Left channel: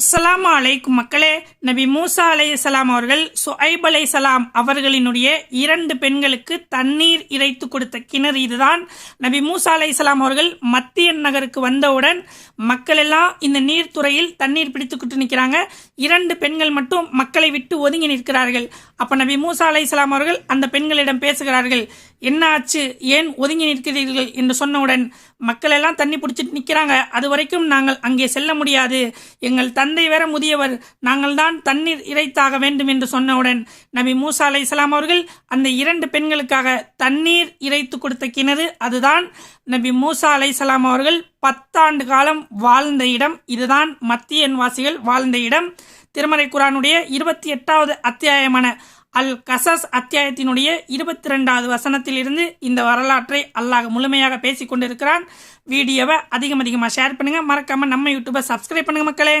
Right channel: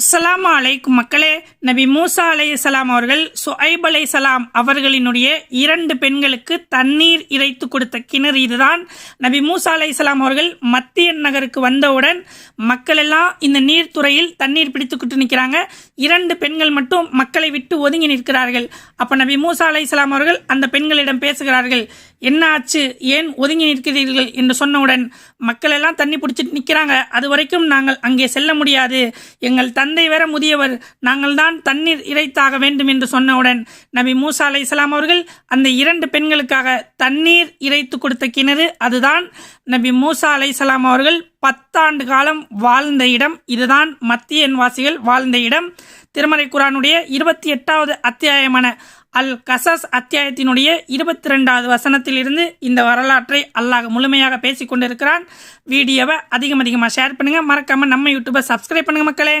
அஸ்ஸலாமு அலைக்கும் மக்களே. நபி மூசா அலைஹிஸ்ஸலாம் அவர்கள் சுஐப் அலைஹிஸ்ஸலாம் அவர்களினுடைய 2 பெண்களுக்கு தண்ணீர் இறைத்து கொடுத்த கிணறு இதுதான். நபி மூசா அலைஹிஸ்ஸலாம் அவர்கள் மத்தியன் நகருக்கு வந்தவுடன் மக்கள் எல்லாம் இந்த நீர்த்துறையில் தண்ணீர் பிடித்துக்கிட்டு நிற்கிறாங்க. 2 பெண்கள் மட்டும் மக்களை விட்டு ஒதுங்கி நிற்கிறார்கள். அப்ப நபி மூசா அலைஹிஸ்ஸலாம் அவர்கள் அந்த பெண்களிடம் பேசுகிறார்கள். என்ன ஆச்சு, ஏன் ஒதுங்கி நிற்கிறீர்கள் என்று சொன்னவுடன் மக்கள் எல்லாம் தண்ணி பிடிச்சிட்டு நிற்கிறாங்க, அது வரைக்கும் நாங்கள் அங்கே செல்ல முடியாது, எங்கள் தந்தை வேற முதியவர், நாங்கள் தான் தண்ணீர் இறைத்தாக வேண்டும் என்று சொன்னவுடன் நபி மூசா அலைஹிஸ்ஸலாம் அவர்கள் அந்த 2 பெண்களுக்காக தண்ணீர் இறைத்து கொடுத்த கிணறு அதுதான். நபி மூசா அலைஹிஸ்ஸலாம் அவர்கள் 10 ஆண்டு காலம் வாழ்ந்த இடம் இதுதான். மத்தியன் வாசிகள் வாழ்ந்த இடம். திருமறை குர்ஆனுடைய 28வது அத்தியாயமான அல் கசஸ் அத்தியாயத்தினுடைய 22வது வசனத்தில் இருந்து இந்த வரலாற்றை அல்லாஹ் முழுமையாக பேசிக் கொண்டிருக்கிறான். வீடியோவை அதிகமாக ஷேர் பண்ணுங்க, மறக்காம நம்ம யூடியூபை சப்ஸ்கிரைப் பண்ணுங்க மக்களே.